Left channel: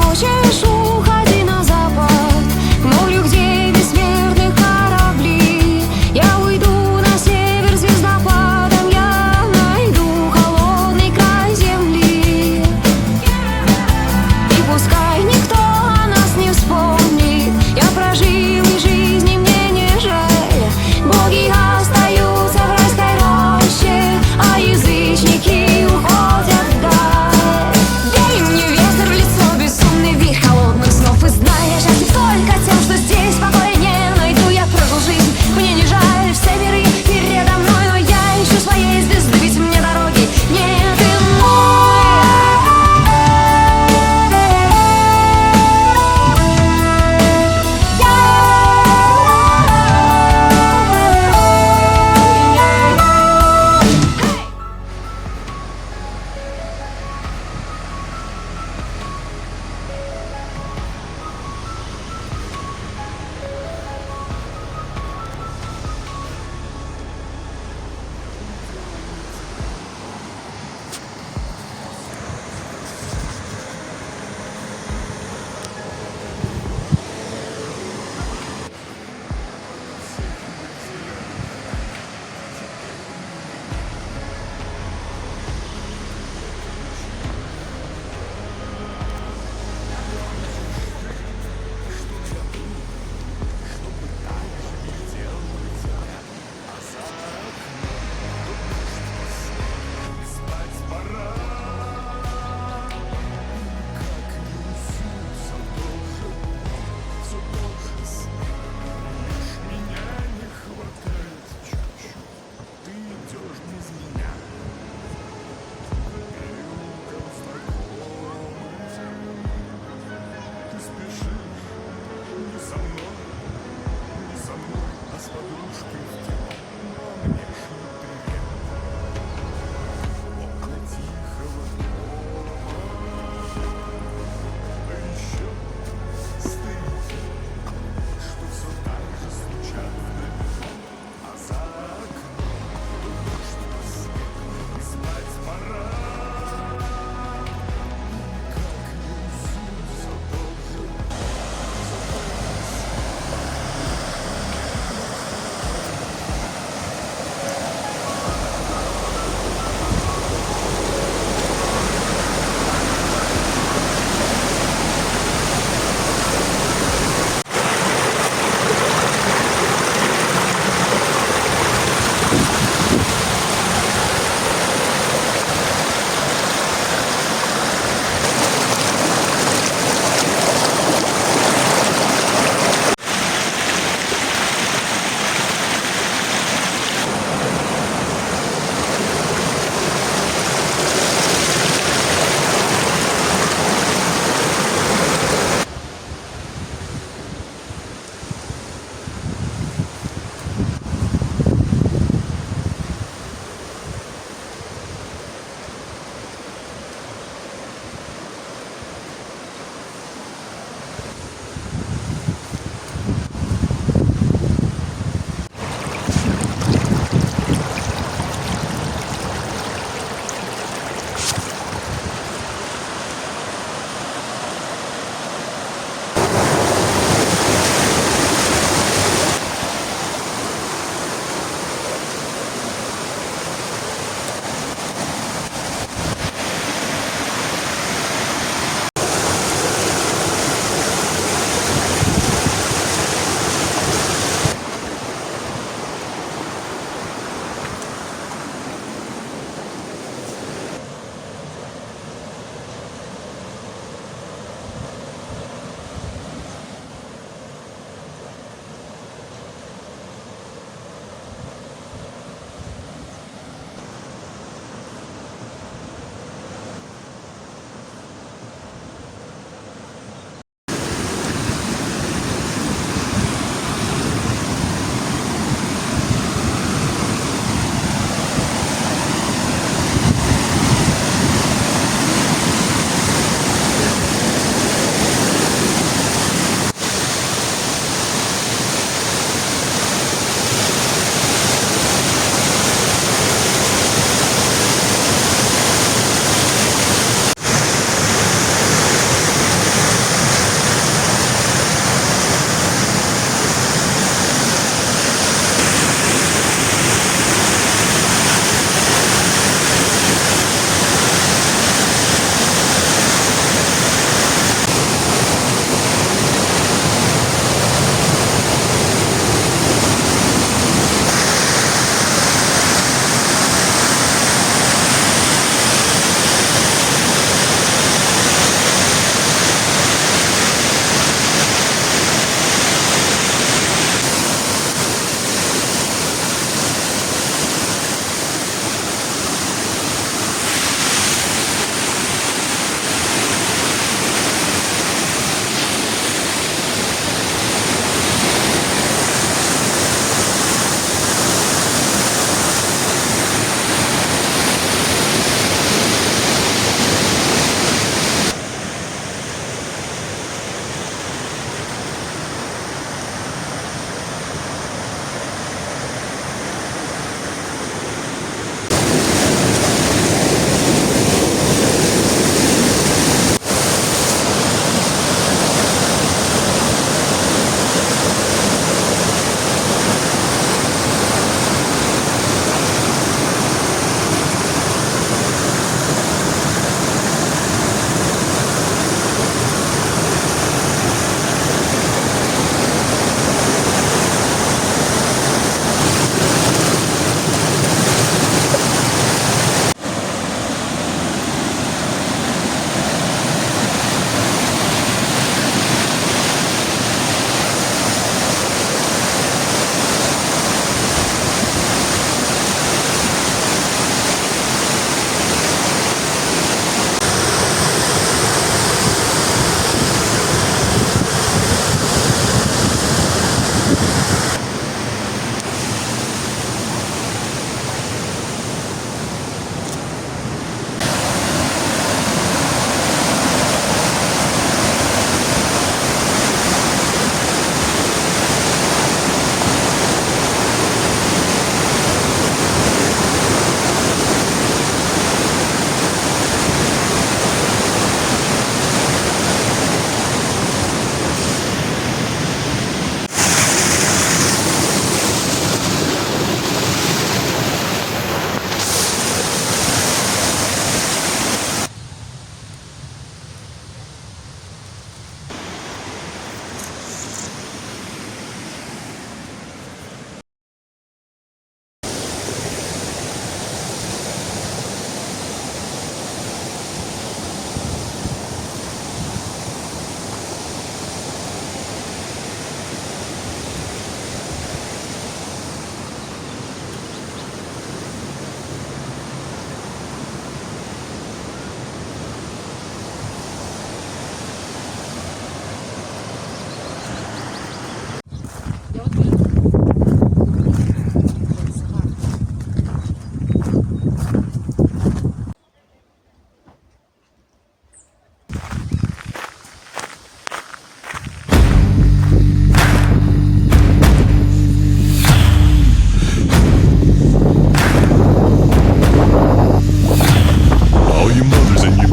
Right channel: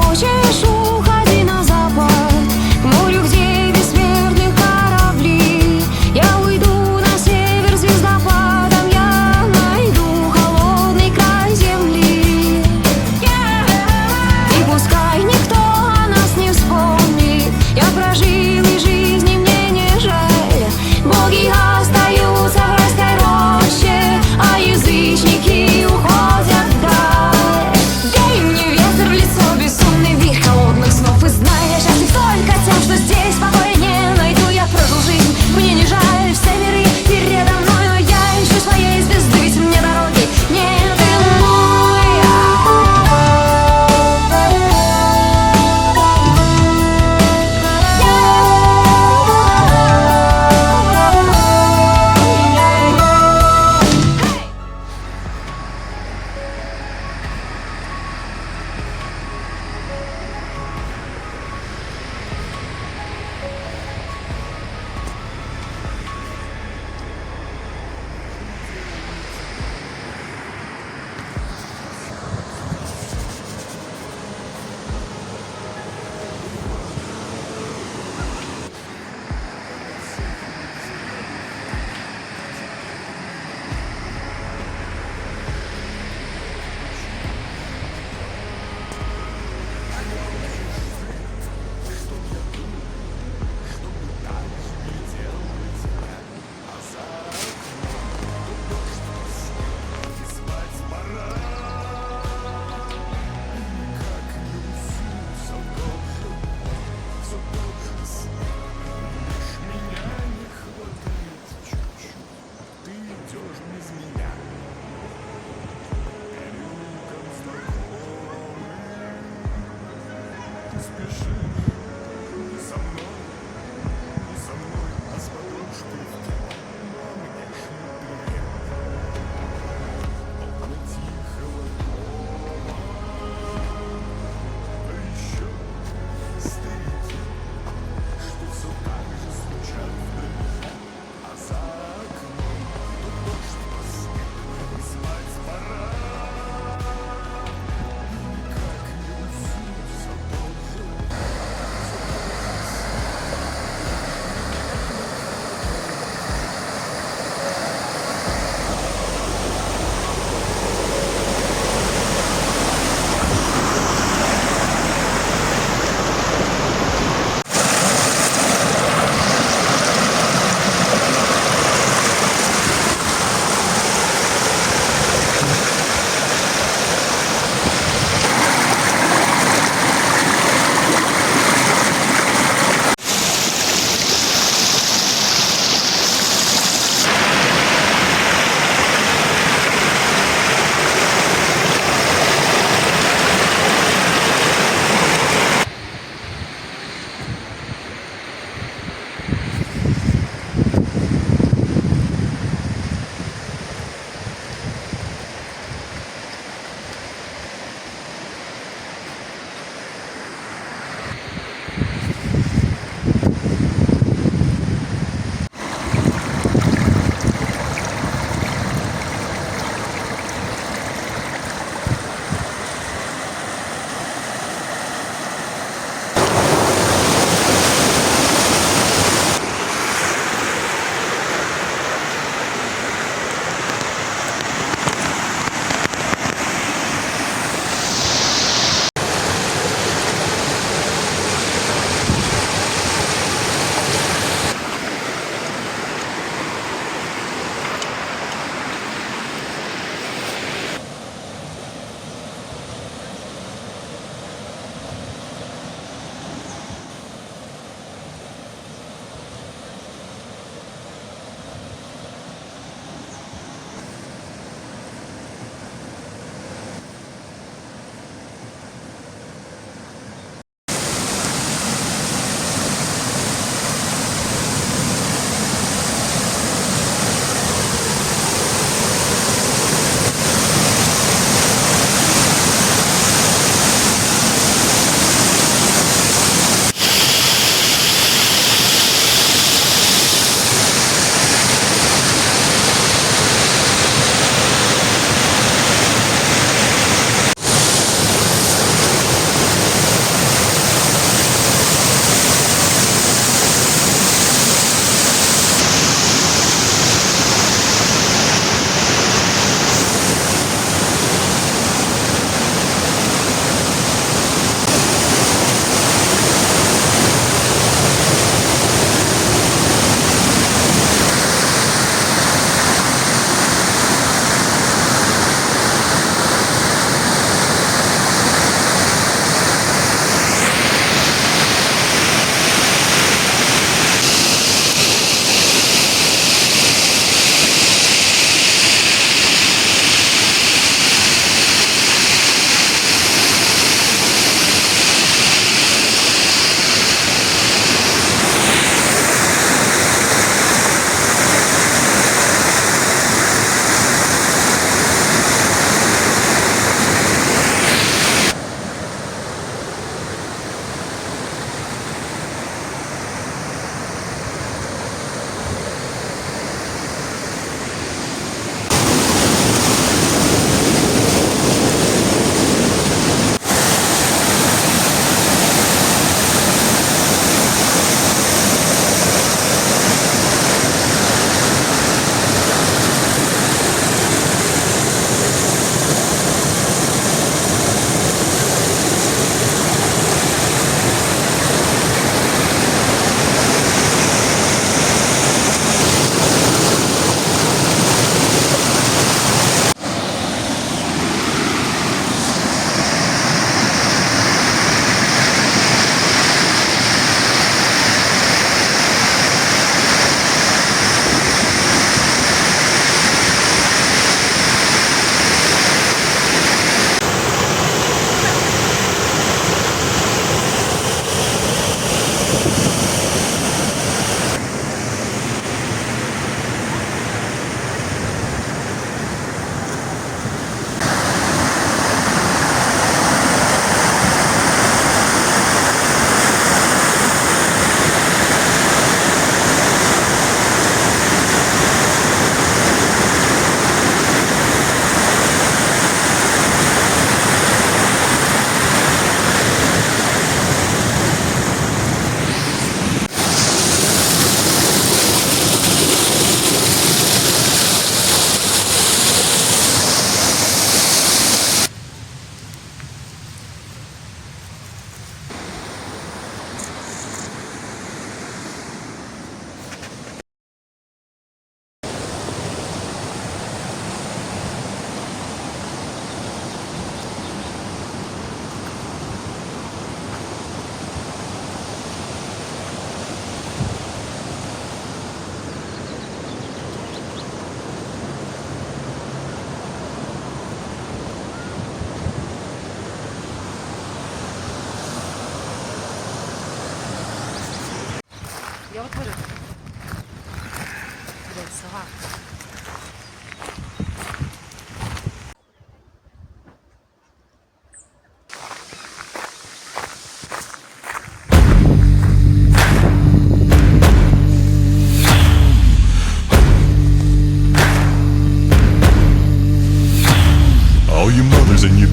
хочешь, уходи на запад, к морю, где бессмертных корабли. Я уйду на север звездопадом, я найду холодный край земли. И пускай никто о нас не вспомнит, я прожил и жизни мне не жаль. Боги остаются в райской роще, а язычники уходят вдаль. Дай мне ветер в лицо, безумный вихрь холодных снов. И знай, я счастлив только тем, что здесь покоя не найду. Я прожил жизнь, мне не жаль, все миры передо мной, но я ищу своей звезды, ведь мне дороги нет иной.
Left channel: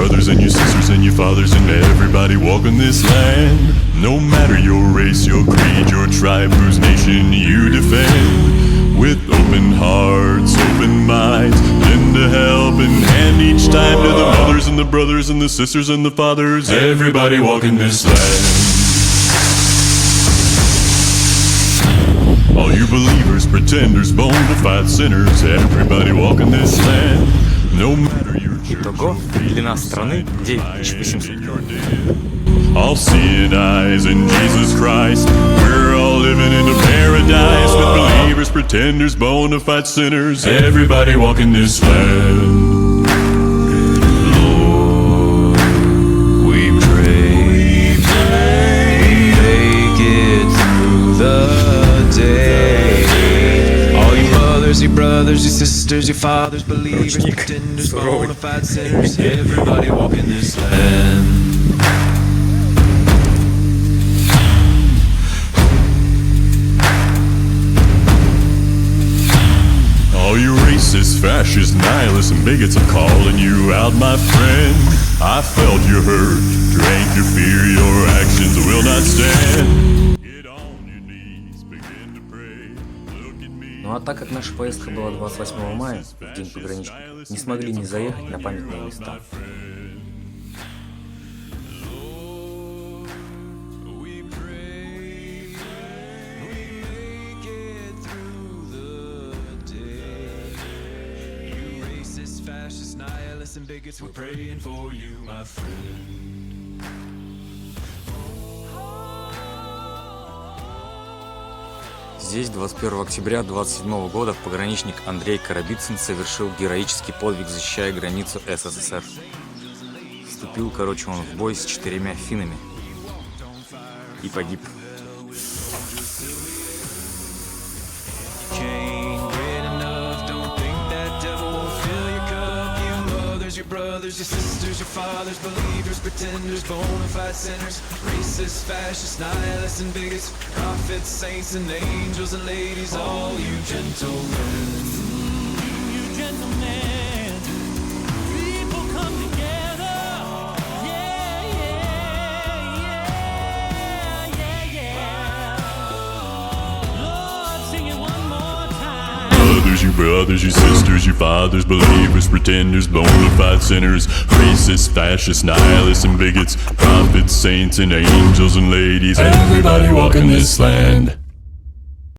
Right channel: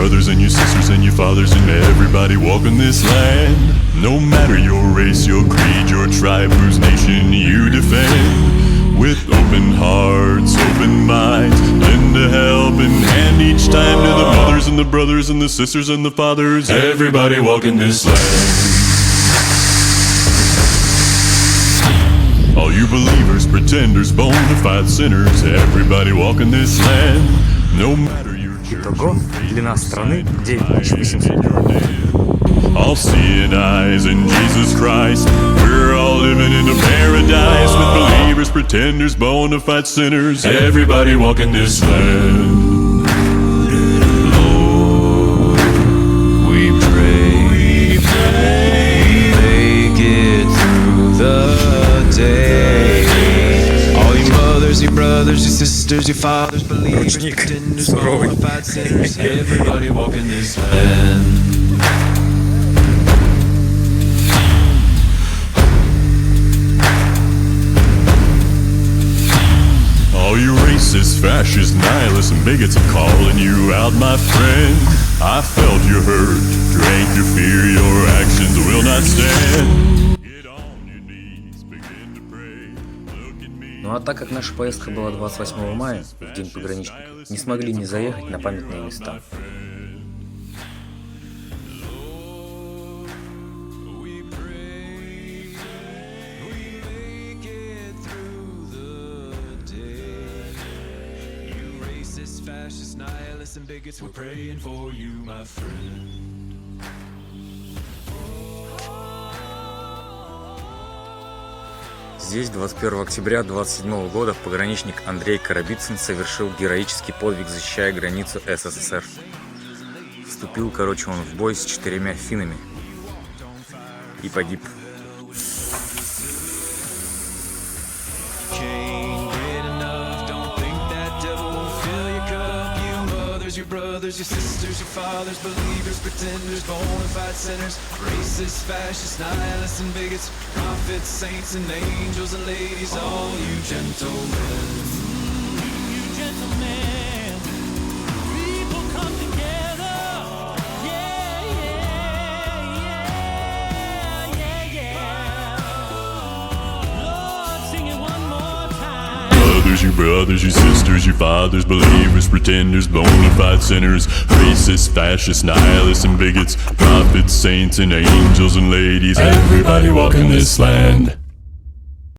brothers and your sisters and your fathers and everybody walking this land. No matter your race, your creed, your tribe, whose nation you defend. With open hearts, open minds, lend a helping hand each time to the mothers and the brothers and the sisters and the fathers. Everybody walking this land. All you believers, pretenders, bona fide sinners, everybody walking this land. No matter your church. Итого, длина страны 9800. All seeing eyes in Jesus Christ. We're all living in a paradise with believers, pretenders, bona fide sinners, everybody walking this land. Lord, we pray, we make it through the day. All you mothers, your brothers, your sisters, your fathers, believers, pretenders, bona fide sinners, everybody walking this land. All you racist, fascist, nihilists, and bigots, I'm calling you out, my friend. I felt your hurt, drank your fear, your actions will not stand. Get on your knees, begin to pray, look at me. Ну а так как наша поездка была 28 мая, в день пограничника, не смогли не заехать на памятные места. Fascist nihilists and bigots, we're praying for you, my friend. Здесь 21 октября 27 года пограничник Андрей Коробицын совершил героический подвиг, защищая границу СССР. Вступил, он в бой с 4 финнами и погиб. Your brothers, your sisters, your fathers, believers, pretenders, bona fide sinners, racists, fascists, nihilists and bigots, prophets, saints and angels and ladies, all you gentlemen. You gentlemen, people come together. Yeah, yeah, yeah, yeah, yeah. Lord, sing it one more time. Mothers, your brothers, your sisters, your fathers, believers, pretenders, bona fide sinners, racists, fascists, nihilists and bigots, prophets, saints and angels and ladies, everybody walking this land.